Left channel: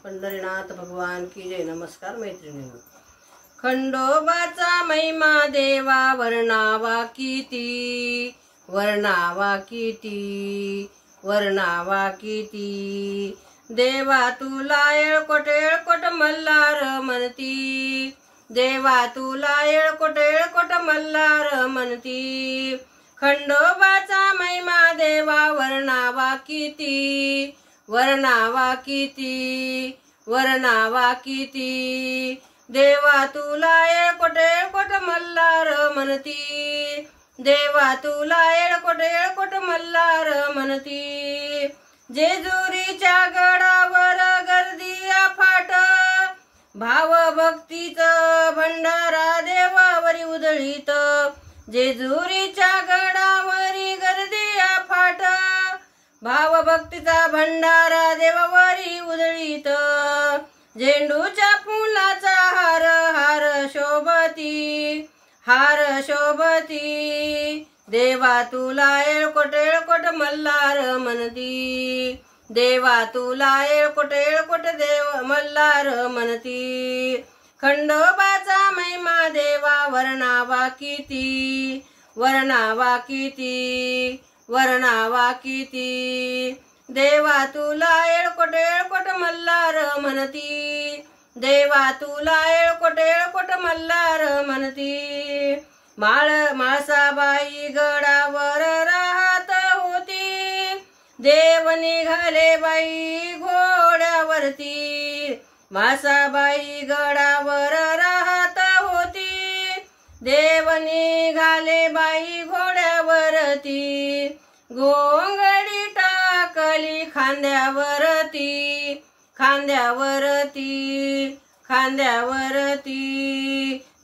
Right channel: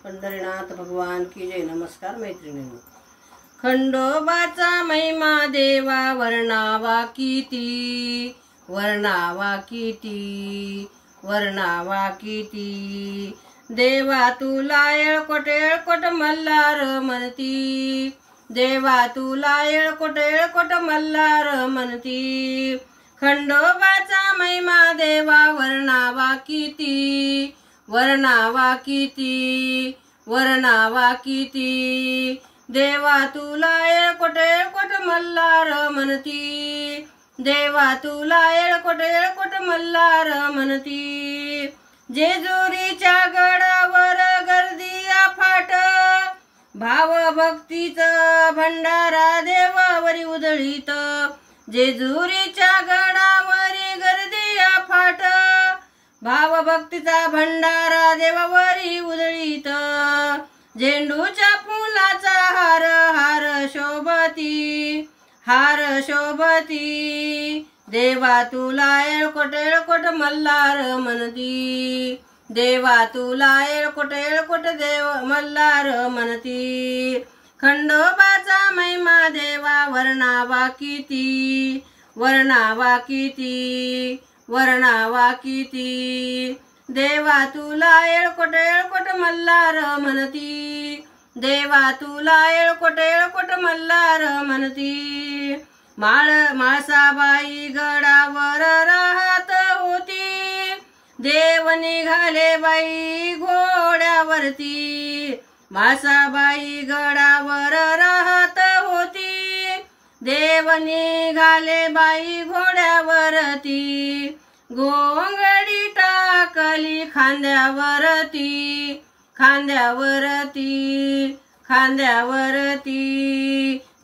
पंढरीनाथ भगवान की जय। नमस्कार मैत्रिणींनो। खंडोबाचा महिमा देवा वर्णावा किती, वर्णावा किती, वर्णावा किती। देवा तुला येळकोट मल्हार म्हणती, देवा तुला येळकोट मल्हार म्हणती। खंडोबाचा महिमा देवा वर्णावा किती, वर्णावा किती, वर्णावा किती। देवा तुला येळकोट मल्हार म्हणती, देवा तुला येळकोट मल्हार म्हणती। जेजुरीच्या गडावर गर्दी अफाट, भाव भक्तीचा भंडारा देवावरी उधळीत। जेजुरीच्या गडावरी गर्दी अफाट, भाव भक्तीचा भंडारा देवावरी उधळीत। झेंडूच्या फुलाचा हार हार शोभती, हार शोभती। देवा तुला येळकोट मल्हार म्हणती, देवा तुला येळकोट देव मल्हार म्हणती। खंडोबाचा महिमा देवा वर्णावा किती, वर्णावा किती, वर्णावा किती। देवा तुला येळकोट मल्हार म्हणती, देवा तुला येळकोट मल्हार म्हणती। माळसाबाई गडावर राहत होती, देव निघाले बाई घोड्यावरती। माळसाबाई गडावर राहत होती, देव निघाले बाई घोड्यावरती। घोंगडी टाकली खांद्यावरती, खांद्यावरती, खांद्यावरती।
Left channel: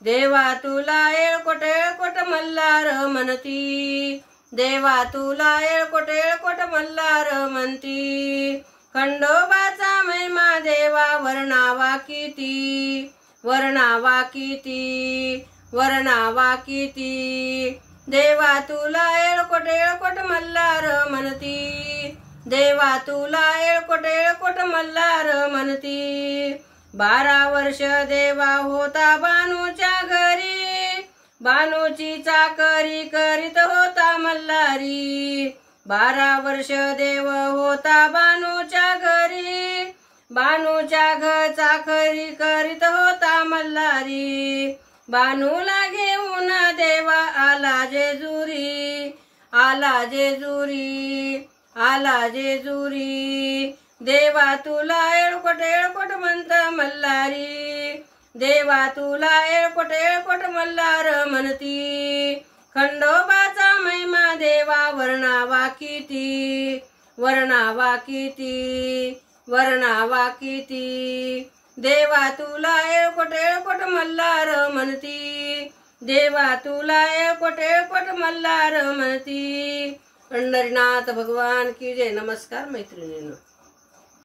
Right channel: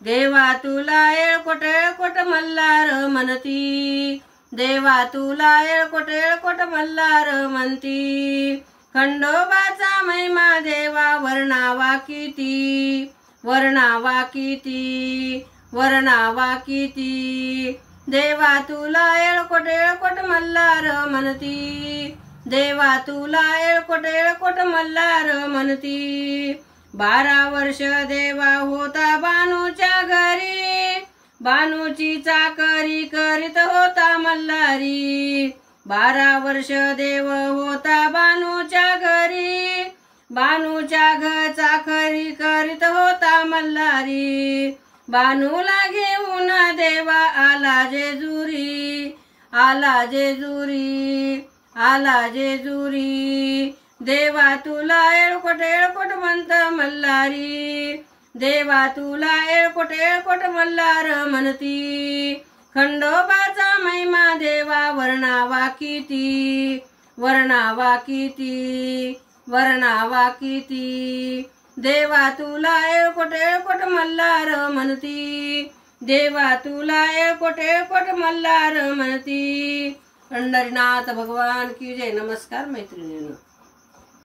देवा तुला येळकोट मल्हार म्हणती, देवा तुला येळकोट मल्हार म्हणती। खंडोबाचा महिमा देवा वर्णावा किती, वर्णावा किती, वर्णावा किती। देवा तुला येळकोट मल्हार म्हणती, देवा तुला येळकोट मल्हार म्हणती। 12 वर्ष देवा होता बानूच्या घरी, बानूची चाकरी करीत होता मल्हारी। 12 वर्ष देव होता बानूच्या घरी, बानूच्या चाकरी करीत होता मल्हारी। बानूला घेऊन देवा आला जेजुरी, आला जेजुरी, आला जेजुरी। देवा तुला येळकोट म्हणत मल्हारी, देवा तुला येळकोट मल्हार म्हणती। खंडोबाचा महिमा देवा वर्णावा किती, वर्णावा किती, वर्णावा किती। देवा तुला येळकोट मल्हार म्हणती, देवा तुला येळकोट मल्हार म्हणती। पंढरीनाथ भगवान की जय। नमस्कार मैत्रिणींनो।